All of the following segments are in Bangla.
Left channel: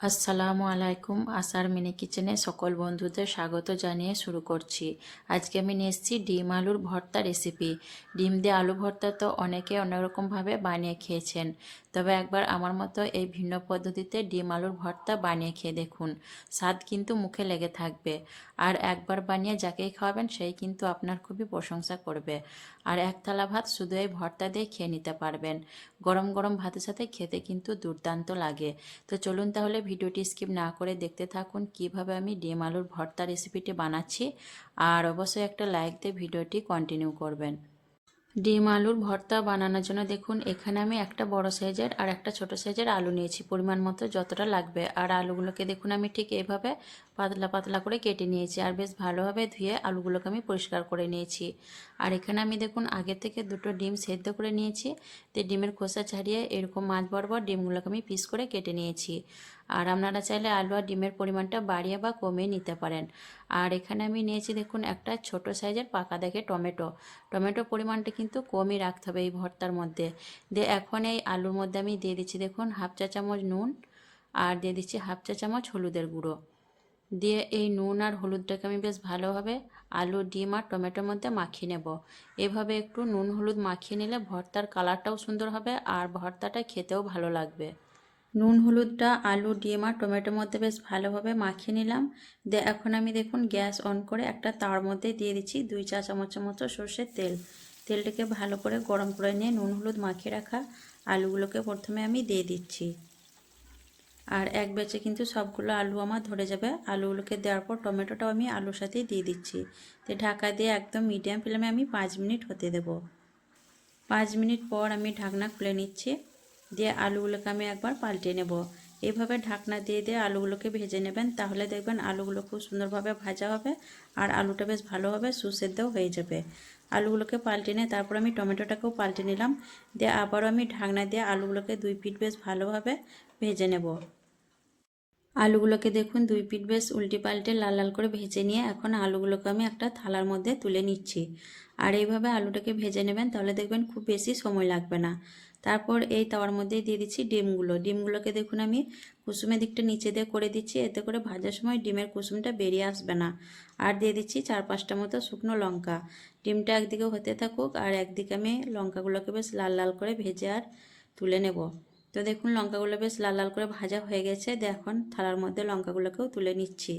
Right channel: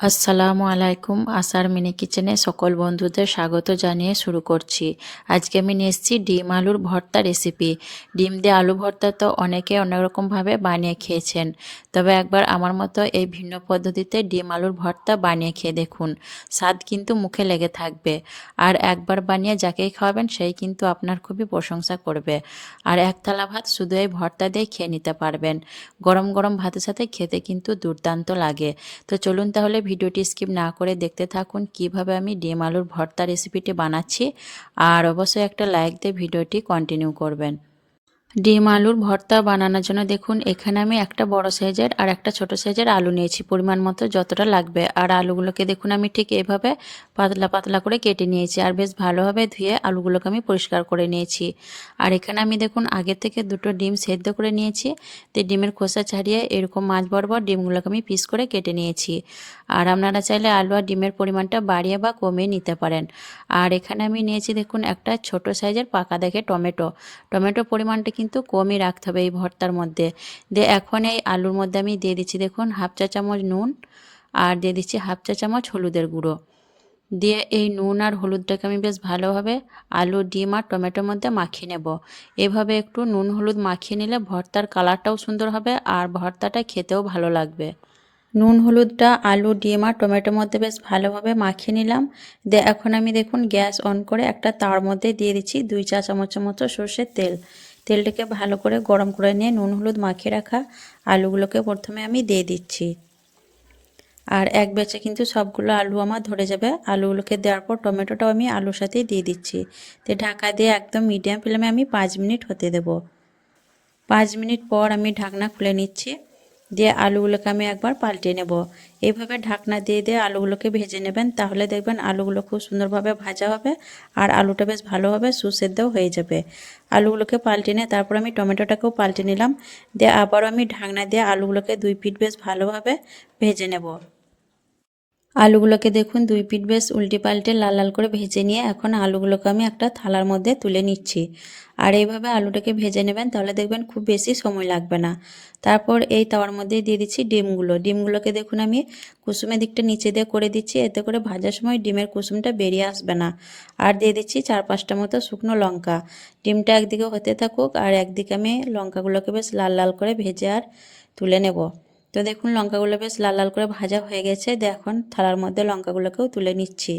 আসসালামু আলাইকুম, আসার মিনি কিচেনে সকল বন্ধুদের স্বাগত জানিয়ে শুরু করছি। আজকে আমি নিয়ে এসেছি ডিম আলুর ভর্তা রেসিপি। ডিম দিয়ে আলু ভর্তা তো অনেকে অনেক রকমভাবে বানিয়ে খেয়েছেন। তবে একবার আমার মতো এই ভিন্ন পদ্ধতিতে ডিম আলুর ভর্তা বানিয়ে খেয়ে দেখুন। স্বাদ কিন্তু মুখে লেগে থাকবে। আর একবার বানিয়ে যাকেই খাওয়াবেন, সেই কিন্তু আপনার খুবই প্রশংসা করবে। আর এক থালা ভাত শুধু এই ভর্তা দিয়ে খেয়ে নিতে পারবেন। গরম গরম ভাতের সাথে খেতে কিন্তু দুর্দান্ত লাগে। তো চলুন তাহলে ভিডিওটি স্কিপ না করে দেখতে থাকুন কীভাবে আমি ডিম আলুর ভর্তা রেসিপিটি বানাচ্ছি। আর অবশ্যই একটা লাইক দিয়ে ভিডিওটি কন্টিনিউ করবেন। ডিম আলুর ভর্তা বানানোর জন্য দেখুন, এখানে আমি একটা বড় সাইজের আর একটা ছোট সাইজের আলু নিয়েছি পরিমাণ মতো, যতটা লাগবে। আর আলুগুলোকে দেখুন, আমি ঠিক এভাবে পাতলা পাতলা করে কেটে নিয়েছি আর বেশ ভালোভাবে ধুয়ে আলুগুলোকে আমি পরিষ্কার করে নিয়েছি। আর এখানে আমি দেখুন, আগে থেকে দুটো ডিম সেদ্ধ করে নিয়েছি। তো ডিমের খোসা ছাড়িয়ে এরকম মাছ বরাবর ডিমগুলোকে আমি পিস করে কেটে নিয়েছি। আর আপনারা চাইলে আলু আর ডিমের পরিমাণটা বাড়িয়ে বা কমিয়ে নিতে পারেন। আর এখানে আমি নিয়েছি দেখুন একটা ছোট সাইজের পাকা দেখে টমেটো। টমেটোর পরিমাণটা কিন্তু কমই রাখতে হবে এই ভর্তার মধ্যে। দিয়ে এখন এই আলুর মধ্যে আমি দিয়ে দিচ্ছি দেখুন হাফ চা চামচ নুন আর দিয়ে দিচ্ছি হাফ চা চামচ হলুদের গুঁড়ো। দিয়ে এই নুন আর হলুদটাকে আমি বেশ ভালোভাবে আলু, ডিম আর টমেটোর মধ্যে মাখিয়ে নেব। এভাবে একটু নুন, হলুদ মাখিয়ে নিলে ভর্তার কালারটাও সুন্দর হবে আর ভর্তাটা খেতেও ভালো লাগবে। নুন হলুদটা আলু, ডিম আর টমেটোর মধ্যে বেশ ভালোভাবে মাখিয়ে নিলাম। দিয়ে এখন আমি দেখুন গ্যাস অন করে একটা তার মধ্যে দিয়ে দিচ্ছি দুই চা চামচের মতো সর্ষের তেল। তেলটাকে ভালো করে গরম করে নিয়ে নুন, হলুদ মাখিয়ে রাখা আলুগুলোকে প্রথমে আমি দিয়ে দিচ্ছি। আর এক বেচে কিন্তু সবগুলো আলু আমার ধরে যাবে। আলুগুলোকে দেওয়ার পর টমেটোটাও আমি আলুর সাথেই দিয়ে দিচ্ছি। তো ঢাকা দিয়ে একদম মিডিয়াম ফ্লেমে আমি পাঁচ মিনিট হতে দেব। পাঁচ মিনিট পর আমি ঢাকনা খুলে নিচ্ছি। দিয়ে আলুগুলোকে আমি একবার পাল্টে নেব। এইভাবে ঢাকনা দিয়ে দিয়ে আলুগুলোকে ভেজে নেবেন, তাহলে দেখবেন আলুগুলো খুব সুন্দরভাবে ভাজা হবে আর আলুটা বেশ ভালোভাবে সুসেদ্ধও হয়ে যাবে। আলুগুলোকে পাল্টে নিয়ে তারপর আমি টমেটোটাকেও পাল্টে নিলাম। দিয়ে আবারও আমি ঢাকনা দিয়ে আলুগুলোকে দুই ফিট বেশ ভালোভাবে ভেজে নেব। আলুগুলোকে দেখুন, দুই পিট বেশ উল্টে পাল্টে লাল লাল করে ভেজে নিয়ে এখন আলুগুলোকে আমি একটা থালার মধ্যে তুলে নিচ্ছি। আর এইভাবে আলুটাকে ভেজে নেবেন, তাহলে দেখবেন খুব বেশি সময় লাগবে না। তারপর এই তাওয়ার মধ্যেই দিয়ে দিচ্ছি ডিমগুলো। ডিমগুলোকে দেখুন, আমি কুসুমের দিকটা নিচে দিয়ে করে দিচ্ছি, এতে করে ভাজার সময় ডিমের কুসুমটা বেরিয়ে আসবে না। আর দিয়ে দিচ্ছি চার পাঁচটা মতো শুকনো লঙ্কা। ডিমটা একদিকে হতে থাকুক আর একদিকে আমি লঙ্কাগুলোকে বেশ লাল লাল করে ভেজে আর তুলে নেব। তো দেখুন, লঙ্কাগুলো বেশ লাল লাল করে ভাজা হয়ে গেছে। দেখুন থালার মধ্যে লঙ্কাগুলোকেও তুলে নিচ্ছি।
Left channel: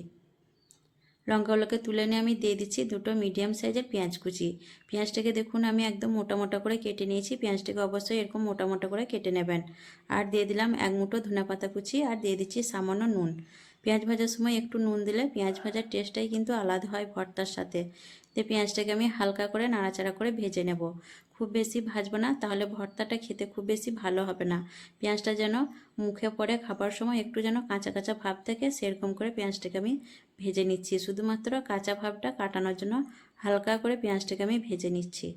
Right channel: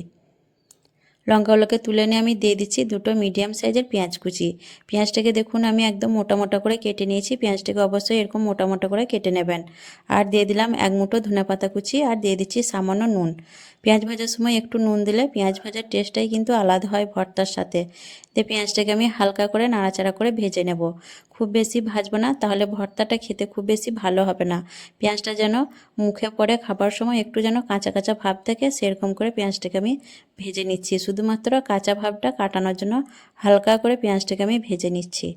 লঙ্কাগুলোকে তুলে নিয়ে আমি দিয়ে দিচ্ছি দুটো মিডিয়াম সাইজের পেঁয়াজ কুচি। পেঁয়াজটাকে দেখুন, আমি একদম মোটা মোটা করে কেটে নিয়েছি। পেঁয়াজটাকে অবশ্যই এরকম মোটা মোটা করে কেটে নেবেন। আর দিয়ে দিলাম এক মুঠো ধনে পাতা কুচি, আর দিয়ে দিচ্ছি সামান্য নুন। পেঁয়াজ ভাজার সময় একটু নুন দিলে পেঁয়াজ ভাজার টেস্টটাই কিন্তু আলাদা হয় ভর্তার সাথে। তো পেঁয়াজটাকে আমি হালকা করে নাড়াচাড়া করে ভেজে নেব। খুব বেশি ভাজবো না, তাহলে ভর্তাটা খেতে খুব বেশি ভালো হবে না। পেঁয়াজটা যেন মুখে পড়ে খাবার সময় একটু যেন কাঁচা কাঁচা ভাব থাকে সেরকম করে পেঁয়াজটাকে আমি ভেজে নিচ্ছি। শুধুমাত্র কাঁচা ভাবটা কাটানোর জন্য হালকা করে পেঁয়াজটাকে আমি ভেজে নিচ্ছি।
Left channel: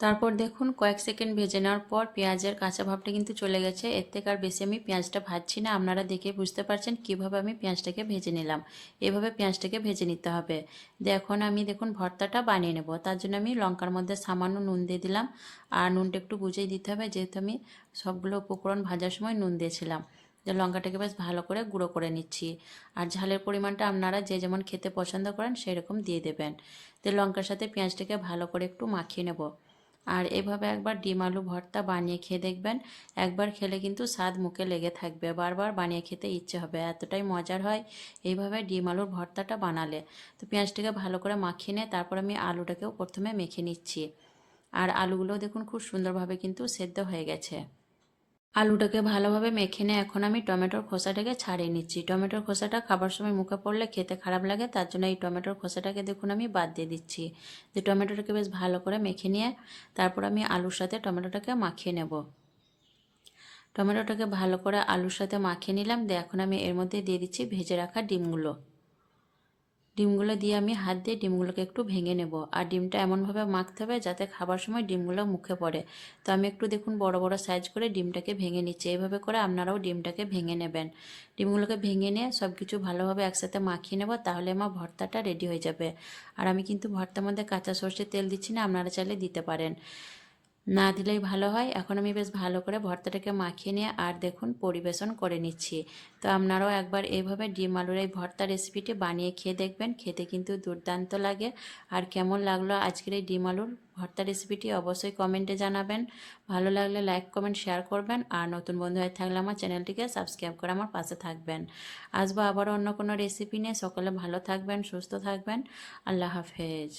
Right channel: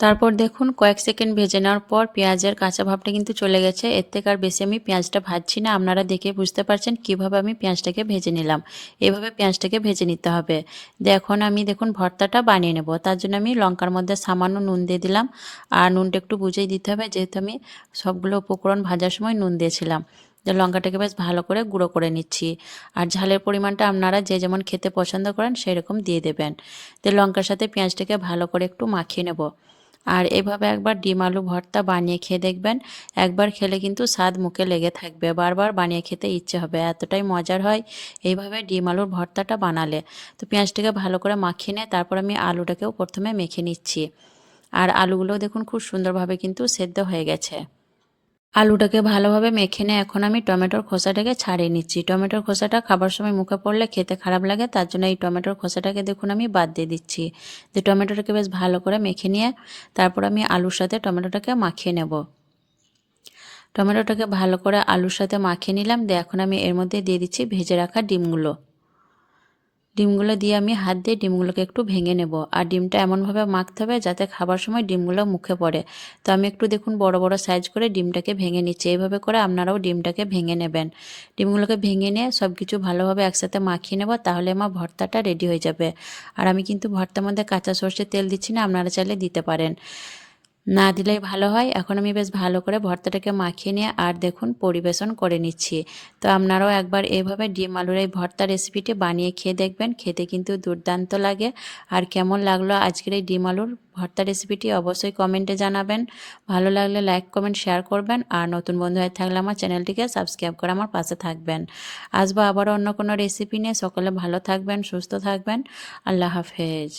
তারপর দেখুন, কয়েক সেকেন্ড ভেজে নেওয়ার পর পেঁয়াজের কাঁচা ভাবটা কিন্তু চলে গেছে। এর থেকে আর বেশি আমি পেঁয়াজটা ভাজছি না। আপনারা দেখে বুঝতে পারছেন কীভাবে আমি পেঁয়াজটাকে ভেজে নিলাম। এভাবে পেঁয়াজটাকে ভেজে নিতে হবে। এখন আমি দেখুন ভর্তাটা বানিয়ে নেব। তার জন্য আমি লঙ্কার মধ্যে সামান্য নুন দিয়ে দিলাম। আর নুনটা একটু বুঝেই দিতে হবে, যেহেতু আমি সবগুলো উপকরণ ভাজার সময় নুন দিয়েছিলাম। যে লঙ্কাটাকে বেশ ভালো করে গুঁড়ো করে নিচ্ছি। আর ঝালের পরিমাণটা আপনারা যে যেমন খেতে পছন্দ করেন, সেরকম দিয়ে দেবেন। তো লঙ্কার সাথে পেঁয়াজটাকে ভালো করে একটু মাখিয়ে নেব। আর এভাবে একবার ডিম আলু ভর্তা বানিয়ে খেয়ে দেখবেন, একবার খেলে কিন্তু স্বাদ মুখে লেগে থাকবে। বারবার বানিয়ে খেতে ইচ্ছে হবে, এতটাই মজার হয় এইভাবে ডিম আলুর ভর্তাটা বানালে। তো পেঁয়াজটাকে ভালো করে মাখিয়ে নিয়ে তারপর আমি আলুটাকেও প্রথমে মেখে নিচ্ছি। আর আলুগুলো দেখুন খুব সুন্দরভাবে কিন্তু সেদ্ধ হয়ে গেছে। আলুটাকে ভালোভাবে মেখে নিয়ে এখন আমি টমেটোর খোসাটাকে ছাড়িয়ে নিচ্ছি। টমেটোর খোসাটা খাবার সময় মুখে পড়লে খেতে খারাপ লাগে, তার জন্য এই টমেটোর খোসাটাকে দেখুন আমি বাদ দিয়ে দিচ্ছি। যে টমেটোটাকে বেশ ভালো করে মেখে নিয়ে তারপর আমি আলুর সাথে টমেটোটাকে মাখিয়ে নেব। টমেটোটাকে ভালো করে আলুর সাথে মাখিয়ে নিলাম, দিয়ে এখন আমি এর মধ্যে দিয়ে দিচ্ছি ভেজে রাখা ডিমগুলো। ডিমগুলো দিয়ে আমি হাত দিয়ে ডিমগুলোকে একটু ভেঙে নেব। আর ডিমটা এমনভাবে মাখতে হবে যাতে খাবার সময় ডিমগুলো মুখে পড়ে। তো আমি একটু দেখুন বড় বড় সাইজ করে ডিমটাকে ভেঙে নিচ্ছি। এইভাবে করে আপনারাও ডিমটাকে ভেঙে নেবেন। ডিমগুলোকে ভেঙে নিয়ে সব কিছু ভালোভাবে একসাথে মাখিয়ে নেব তাহলে আমার ভর্তাটা রেডি হয়ে যাবে। আর আমি কিন্তু ভর্তার মধ্যে কাঁচা সর্ষের তেল দিচ্ছি না, আপনারা চাইলে দিতে পারেন। না দিলেই ভালো হয়। এখন আমি বেশ ভালো করে ভর্তাটাকে মাখিয়ে নিয়ে আর দেখুন পরিবেশন করে নিচ্ছি। তো আপনারাও একবার এইভাবে ডিম আলুর এই ভর্তা রেসিপিটি বানিয়ে খেয়ে দেখবেন। খেতে কিন্তু দুর্দান্ত লাগে। আর কেমন লাগল আজকের এই ডিম আলুর ভর্তা রেসিপিটি অবশ্যই কমেন্টে জানাবেন। ভালো লাগলে লাইক, কমেন্ট, শেয়ার করবেন। আর নতুন বন্ধু হয়ে থাকলে আমার চ্যানেলটিকে সাবস্ক্রাইব করে আমার পাশে থাকবেন। আসব আবারও অন্য কোনো রেসিপি নিয়ে। সকলে ভালো থাকবেন, সুস্থ থাকবেন। আল্লাহ হাফেজ।